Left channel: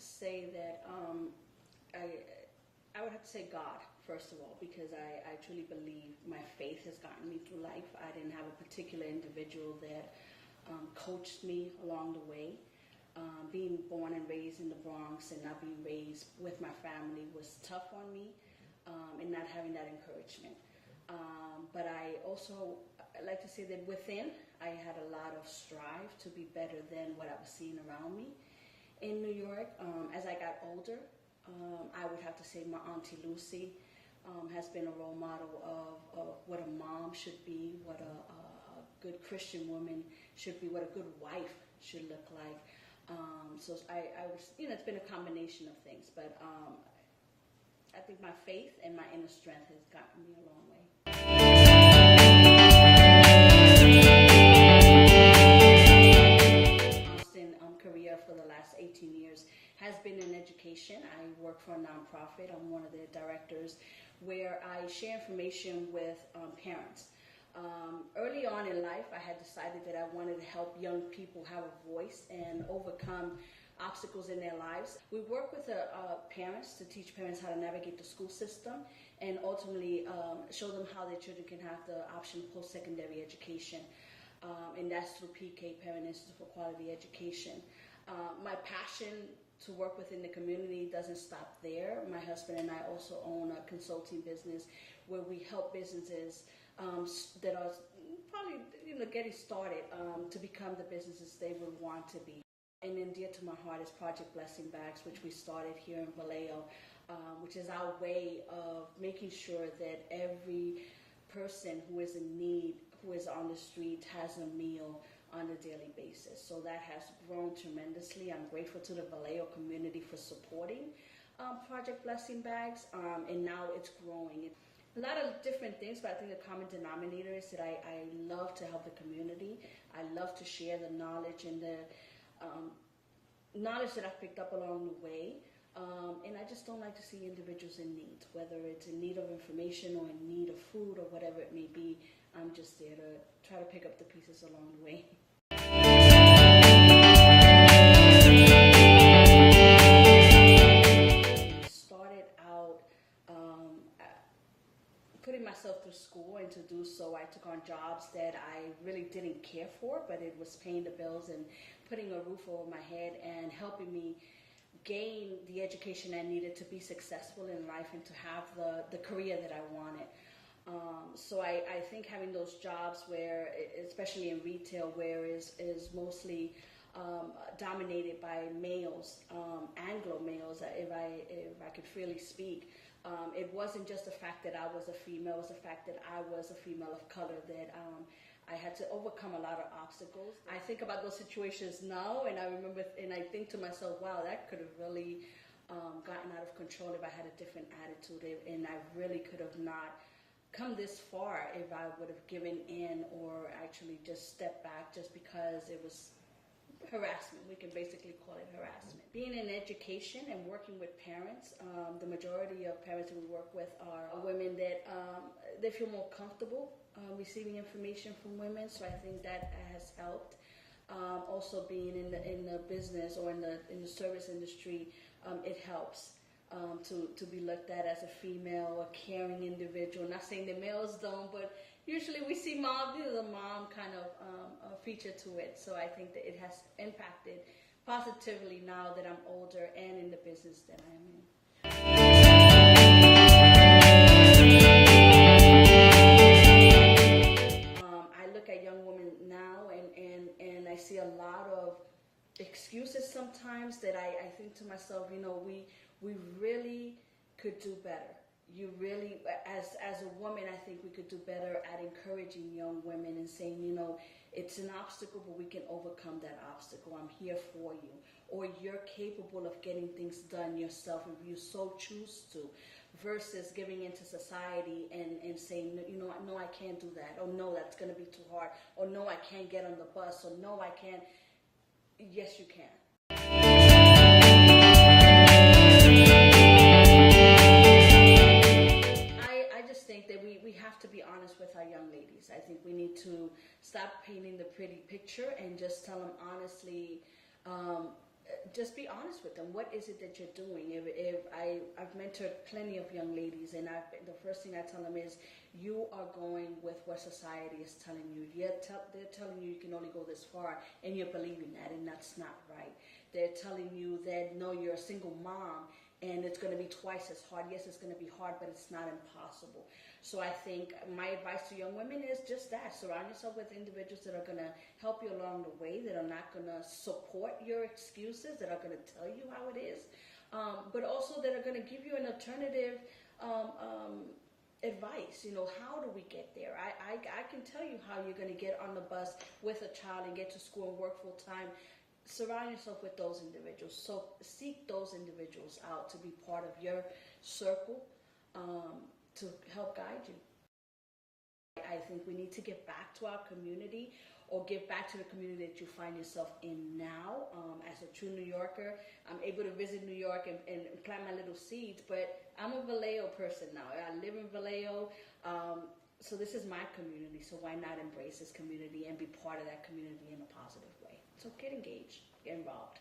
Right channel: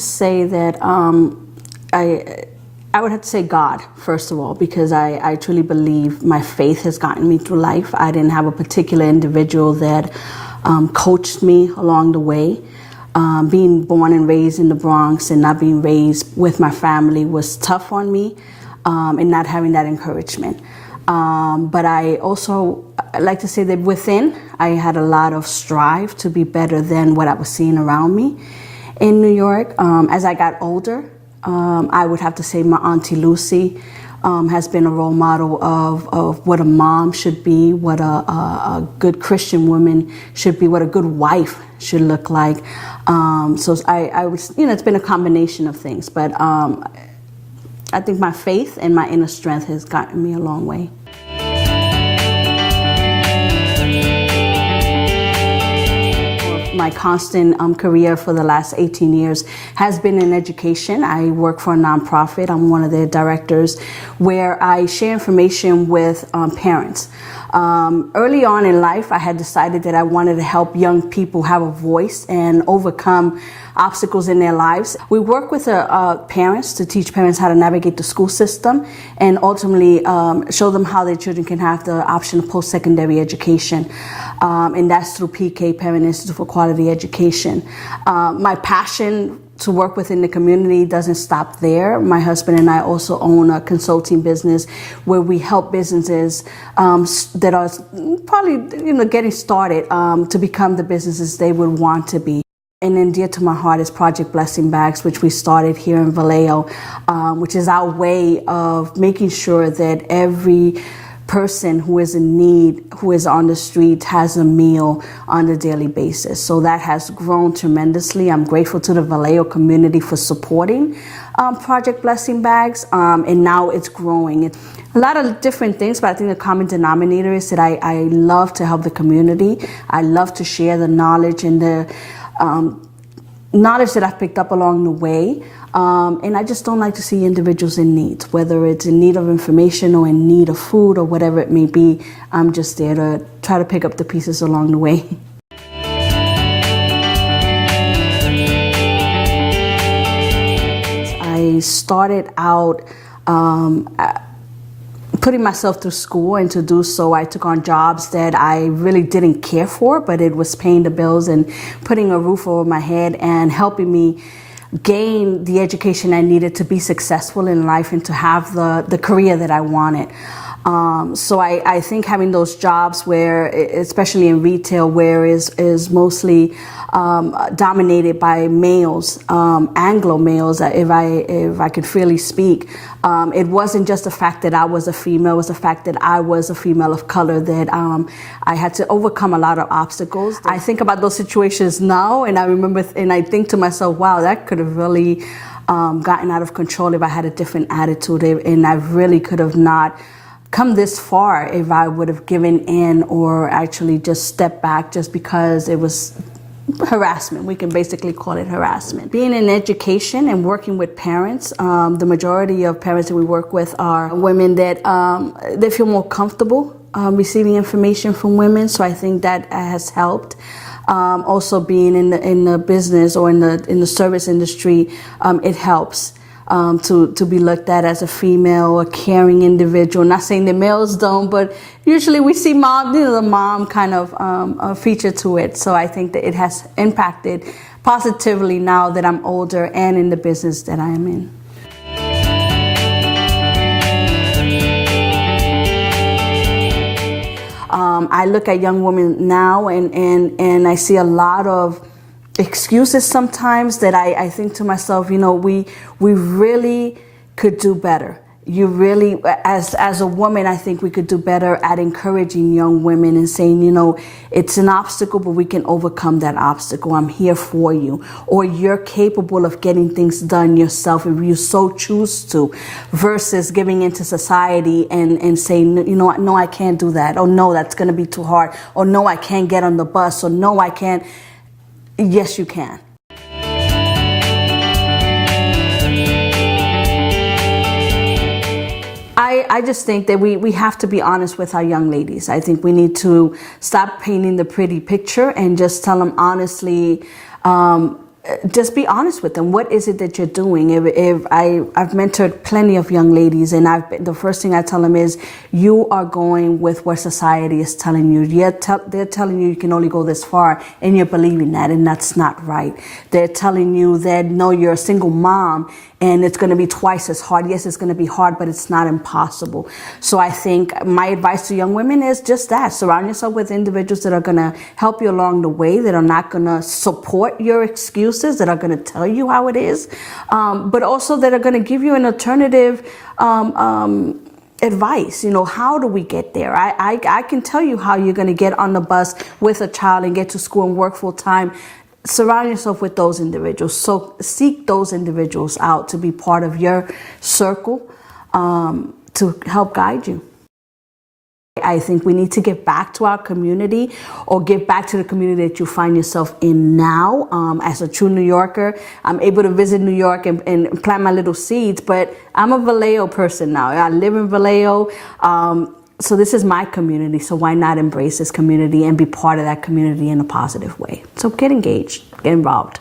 say that I would have to say God, first of all, because I truly believe my faith has gotten me through life. I didn't have a particular individual that coached me along the way. Being born and raised in the Bronx and not being raised with my family was tough on me, and not having that encouragement. But I also like to say that within, I had a lot of strive to be better than what I was seeing around me in New York. As I got older, I would have to say my Auntie Lucy has been a role model of what a mom should be, what a good Christian woman should be, what a good wife should look like. So I would, it's been a combination of things, but I think my faith and my inner strength has gotten me a long way. My constant career for the last 18 years has been in education. I work for a nonprofit. I'm one of the directors where I share information with parents. Early on in life, I had decided that I wanted to help young people have a voice and overcome obstacles in their lives. We work with parents to teach parents how to navigate the school system and ultimately show them how their children can have the option of post-secondary education. And that's through PK, Parent Institute for Quality Education. My passion to work within the community doesn't stop there. My husband and I also own a consulting business where we help businesses that are probably getting started to become the businesses they would want to be. And then dear to my heart is Project Blessing Bags, which we started here in Vallejo, which is our way of making sure that every person who is in need, who is on the street, has a meal on a daily basis. So that has grown tremendously. I'm grateful to the Vallejo community for supporting Project Blessing Bags, and now it's growing. A lot of different things, but I think the common denominator is that I love to help the community. I love to share the knowledge and the knowledge that I've picked up along the way. And I just don't like to see individuals in need, whether it's in need of information or in need of food or whatever it may be. I'm just there to try to pick up the pieces along the way. I started out putting myself through school, and to do so I took on jobs that I really didn't care for, but it was paying the bills and putting a roof over my head and helping me gain the education I needed to be successful in life and to have the career that I wanted. So I think having those jobs where, especially in retail, where is mostly dominated by males, Anglo males, if I could freely speak. It wasn't just the fact that I was a female, it was the fact that I was a female of color, that I had to overcome a lot of obstacles. I think about those situations now, and I remember, and I think to myself, wow, that could have really gotten out of control if I had a different attitude, and I really could have not come this far if I would have given in or actually just stepped back just because it was harassment. We can basically call it harassment. Being in education and working with parents, the majority of parents that we work with are women that they feel more comfortable receiving information from women, so I think that has helped. Also being in the business or in the service industry, it helps. To be looked at as a female, a caring individual. Not saying that males don't, but usually we see mom, the mom kind of feature to it. So I think that it has impacted positively now that I'm older and in the business that I am in. I look at young women now and I see a lot of excuses sometimes that I think to myself, we really could do better. You really, as a woman, I think we could do better at encouraging young women and saying, it's an obstacle, but we can overcome that obstacle. I'm here for you. Or you're capable of getting things done yourself if you so choose to, versus giving into society and saying, no, I can't do that. Or no, that's going to be too hard. Or no, I can't get on the bus. Or no, I can't. Yes, you can. I just think that we have to be honest with our young ladies. I think we need to stop painting the pretty picture and just tell them honestly, just be honest with them. What is it that you're doing? I've mentored plenty of young ladies, and the first thing I tell them is, you are going with what society is telling you. They're telling you can only go this far, and you're believing that, and that's not right. They're telling you that, no, you're a single mom, and it's going to be twice as hard. Yes, it's going to be hard, but it's not impossible. So I think my advice to young women is just that. Surround yourself with individuals that are going to help you along the way, that are not going to support your excuses, that are going to tell you how it is, but also that are going to give you an alternative advice. How do we get there? I can tell you how you're going to get on the bus with a child and get to school and work full time. Surround yourself with those individuals. So seek those individuals out to be part of your circle, to help guide you. I think we need to give back to our community, or give back to the community that you find yourself in now. As a true New Yorker, I'm able to visit New York and plant my little seeds, but I'm a Vallejo person now. I live in Vallejo. So this is my community, so why not embrace this community and be part of that community in a positive way? So get engaged, get involved.